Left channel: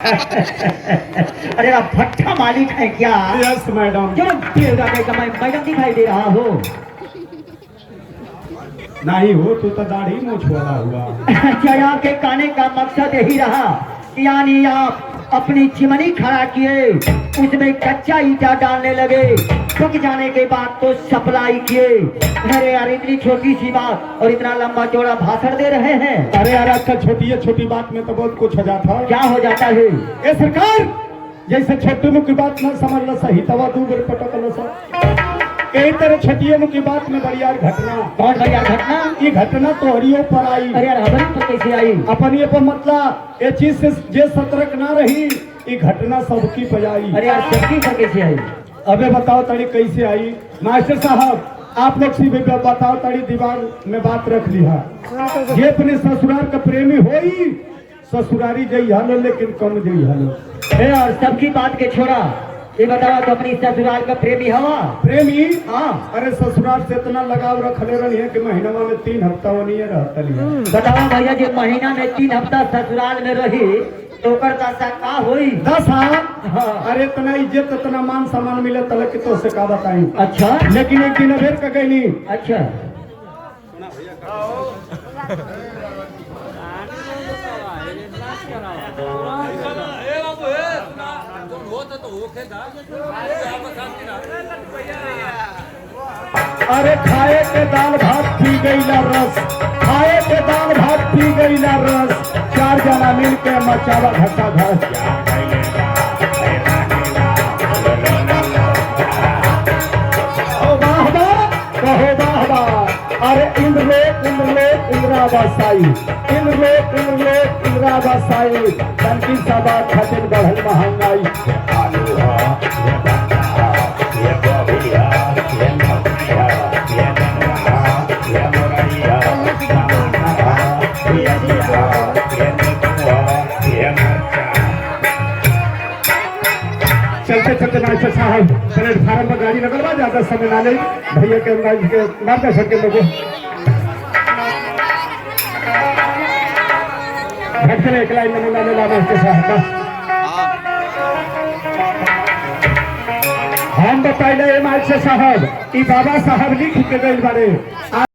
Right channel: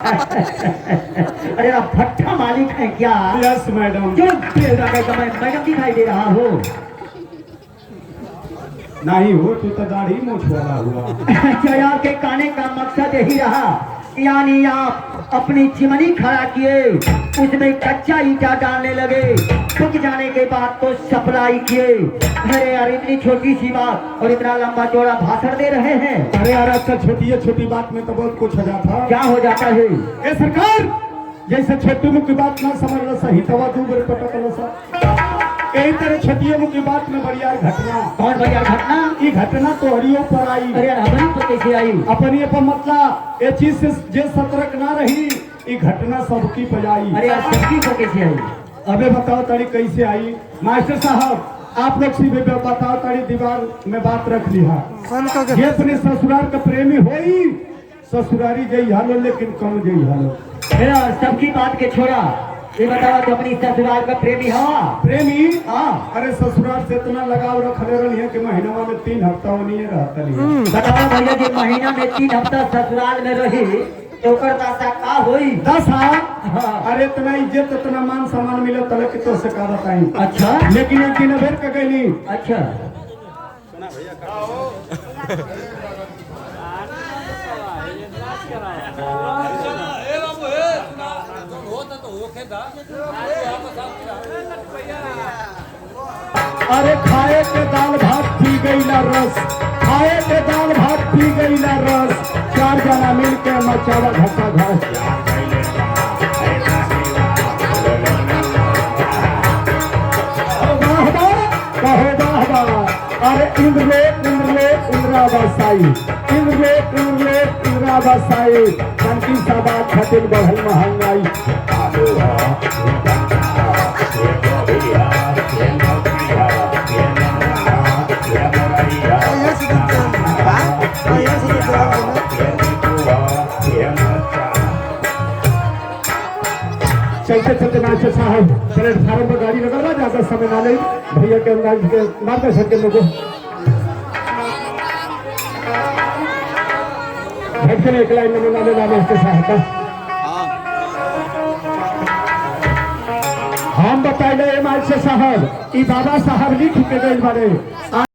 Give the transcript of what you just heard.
अरे आप भट्टा मालिक है क्या? Yes madam. क्यों मैडम दिखाई दे रहा हो? नहीं हो तू तो दाढ़ी मूछ वाला हुआ। क्या आपके कहने का मकसद यही रहा, यानी आप अपनी चिमनी खड़ा किए, उसमें कच्चा ईटा डालने लगे, सूख जाने के बाद तो सप्लाई किए। अरे यार इतनी छोटी सी बात और इतना लंबा चौड़ा भाषण दे रहे हैं। अरे यार अच्छा छोटी बात में तो बहुत कुछ हो जाता है। क्या हो जाता है? ये सरकार जैसे छोटी मुख की बात ना समझ लो सही तवा तू मेरे पता लो सर कई तरह छोटी मुख की बात में बड़ी यार घटना। कौन बड़ी यार घटना? ये घटना तो हरियो पर आई। अरे यार हमारी तो कैसे आई? अपन ये पर मतलब ये चीज से जे सतर्क ना रही ये घटना सबकी पजाई। अरे यार सबकी तो कैसे आई? अबे बताओ तारी कैसे आई। मास्टर साहब आप लोग सी बताओ तारी दीवार में बात रख लिया। ये अपने ससुराल का प्रेमी हो ही ससुरारी जई हालो लेकिन कम जई हालो। और सबकी बात के छोड़ा ये बताओ तो अपनी ससुराल का प्रेमी हवा? प्रेमी हाँ। अरे ससुराल से इतना लगाव रखले रही है कि महीना में 3 हफ्ता वो नहीं रहता नहीं। बताओ भैया जी महीना में 3 हफ्ता ससुराल में रही तो कर दशा का होई? 10 हाँ। अरे इतना इज्जत इतना मान सम्मान मिले तले कि तो से का बताई। अच्छा लेकिन एक दिन अबेर का गई। अच्छा अरे खाए के दाल भात पी गई ना रस, खाए के दाल भात पी गई ना रस, 4 जना मिल के मचावा घसा घस। कहे वाह अरे इंद्रे इंद्रा बसाई, इंद्रे इंद्रा बसाई, शांति सभा खतिन बढ़ल महंगाई। चलते मास्टर साहब प्लेटफार्म पर गाड़ी लगवा ज्यादा समय ना ले भैया के मार्गदर्शन के लोगों एक लाइन नमूना मिला मास्टर साहब। हम बताइए मास्टर साहब ई बाबा साहब लिख के गई बारे